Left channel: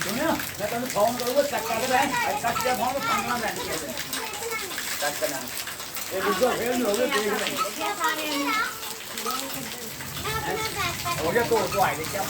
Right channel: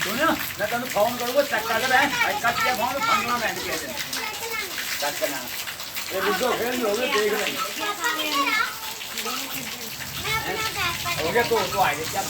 ਸੁਣਿਆ ਮੈਂ ਤੈਨੂੰ ਫੋਨ ਕਰੂੰਗਾ ਚੱਕ ਕੇ ਬੈ ਕੱਟ ਕੇ ਫੋਨ ਫੰਗਣਾ ਬੈਠ ਕੇ ਚੱਕ ਕਰਨਾ ਇਹ ਬੁੱਢੋ ਫੇਰ ਲੋਗੇ ਦੇਖ ਲੈ ਹੋ ਗਿਆ ਤੋ ਆਏ ਕਿਆ